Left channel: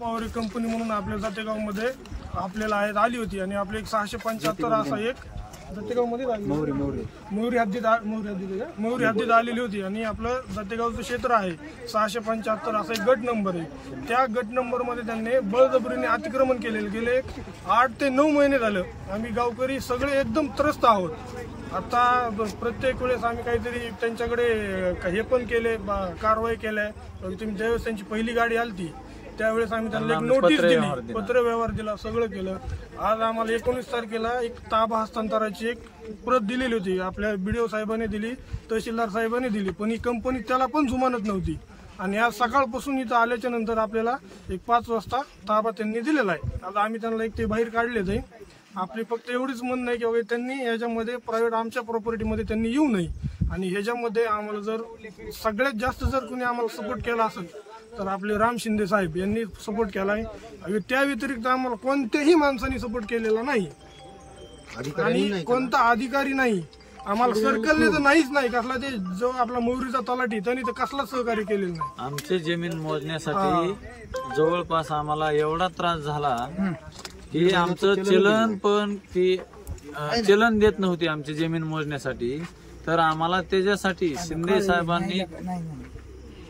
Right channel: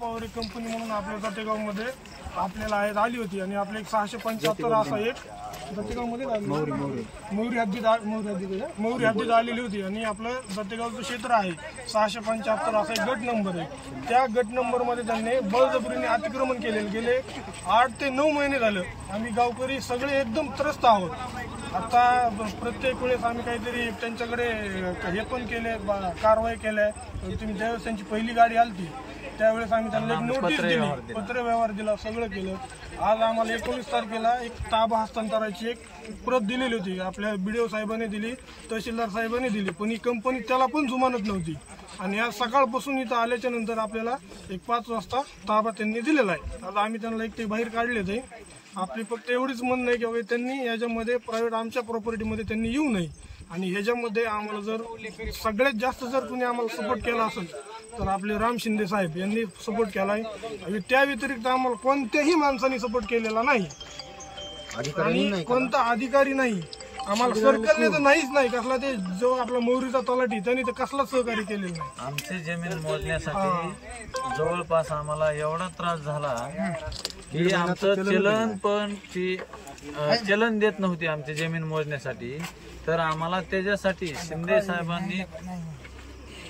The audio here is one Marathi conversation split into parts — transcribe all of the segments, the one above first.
पॉवर कंपनी म्हणून आपल्या जातेगावमध्ये आपल्याला आली होती आणि आपले 675 असा एक जातेगावमध्ये मोहरी हद्दीत आलेली होती आणि आपलं जातेगावचं क्षेत्र आहे 675 असा एक गट नंबर आहे। त्या गट नंबर मध्ये त्यांनी बळजबरीने अतिक्रमण केलेले गेले 8 ते 9 महिने झाले। आम्ही गावकरी सगळे एकदम त्रस्त आहोत। आता प्रत्येक वेळेस आम्ही काहीतरी त्यांच्याकडे हे पण केले, कारवाई केल्या। तुम्ही ज्यावेळेस त्यांची पहिली गाडी आली त्यावेळेस आम्ही त्यांना एक नोटीस दिली, पत्र व्यवहार दिला, सगळं केलं। आज आम्हाला 19 तारखेला एक ताबा हस्तांतराची एक प्रत दिलेली होती, आपल्या BDO साहेबांनी दिली, तहसीलदार साहेबांनी दिली, पण ही कंपनी त्याला पण जुमानत नव्हती। आणि आज सकाळपासून इथं आल्याच्या नंतर आपल्याला एक 5 वाजता ताबा त्यांनी दिलेला आहे। आता आम्ही त्यांना एक ते बाहेर काढले ते। आपली फक्त एवढीच म्हणणं आहे की त्यांनी याच्यामध्ये प्रायव्हेट आमच्या प्रॉपर्टीमध्ये त्यांनी येऊ नये आणि ह्याच्यामध्ये आम्हाला जर सगळ्यात जास्त जर कोणी आम्हाला सपोर्ट केला असेल तर आपले राम शिंदे साहेब यांनी सपोर्ट केलाय। त्या व्यतिरिक्त आम्हाला कोणत्याही माणसाने सपोर्ट केलेला नाही आणि कोणता अधिकारी नाही। आम्हाला सर्कलने तर नाहीच नाही कसला, ते जो आपला मोहरीचा तलाठी त्यांनी तर कसलाच सहकार्य केलेलं नाही। आमचे जमीन मोजण्यासाठी जवळपास आम्हाला एवढा त्रास झाला की आमचं चलन पण ती चलन देत नव्हती आमची जमीन मोजण्यासाठी। तर आम्हाला त्याच्यासाठी शिंदे साहेबांनी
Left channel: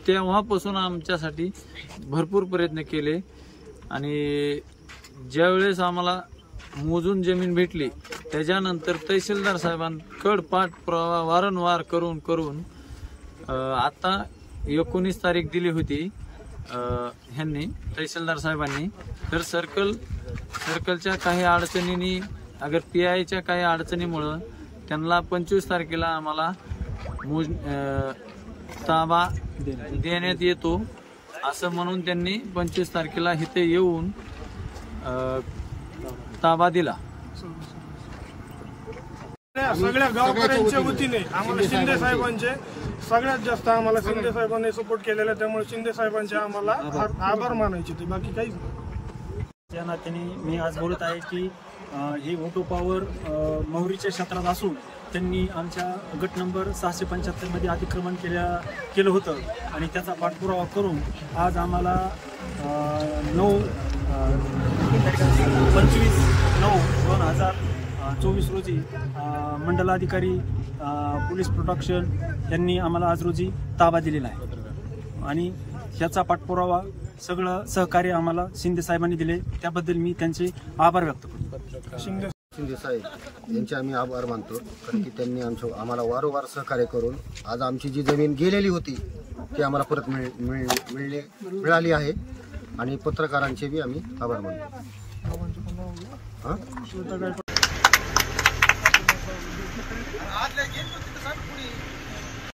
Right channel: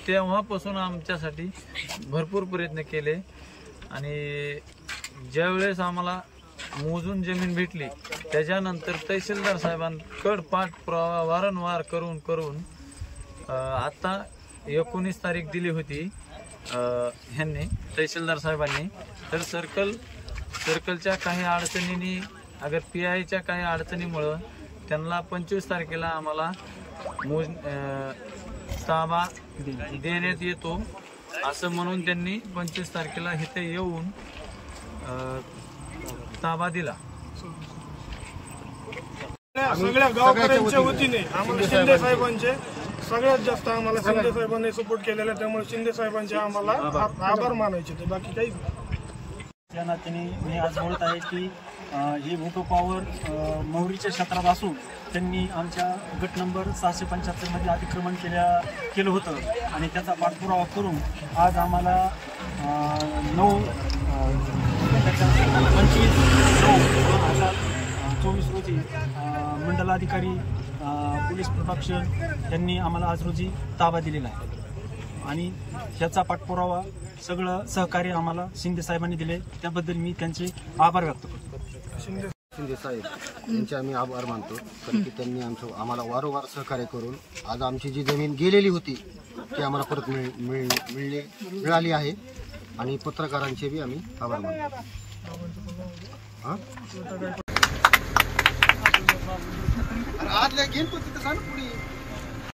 तेव्हापासून आमच्यासाठी भरपूर प्रयत्न केले आणि ज्यावेळेस आम्हाला मोजून जमीन भेटली त्याच्यानंतर तहसीलदार साहेबांकडे पाठपुरावा वारंवार करून आता 19 तारीख दिली होती ह्यांनी तहसीलदार साहेबांनी। तर सर्कलच्या काही अडचणींनी अगर PIच्या काही अडचणीमुळं त्यांना 25 तारखेला आम्हाला ताबा देण्यात येतो असं म्हणून त्यांनी 25 तारखेला इथे येऊन ताबा दिला। सगळ्या गावकऱ्यांच्या वतीने आम्हाला शिंदे साहेबांचे सगळ्यात जास्त आम्हाला शिंदे साहेबांनी सपोर्ट केलेला, त्यामुळे शिंदे साहेबांचे आम्हाला आभार मानायचे ते, बाकी काहीच नाही। त्या नात्याने मी आज बोलत आहे की ही ऑटो पॉवर मोहरीच्या क्षेत्रात असून त्यांनी आमच्या गट नंबर 675 मध्ये अतिक्रमण केलं होतं आणि त्याचा पाठपुरावा करून आज आम्हाला 25/9/2024 रोजी मंडलाधिकारी पोलीस प्रोटेक्शन यांनी आम्हाला आज रोजी ताबा दिलेला आहे आणि याचा पाठपुरावा सगळं सहकार्य आम्हाला शिंदे साहेबांनी दिले, त्याबद्दल मी त्यांचे आभार व्यक्त करतो। शिंदे साहेब यांचे आम्ही आभार मानतो, कारण की त्यांनी आम्हाला वारंवार सहकार्य करून आज आमची जी जमीन गेलेली होती ती आम्हाला परत मिळाली आहे आणि पत्रकारांचे बी आम्ही आभार मानतो।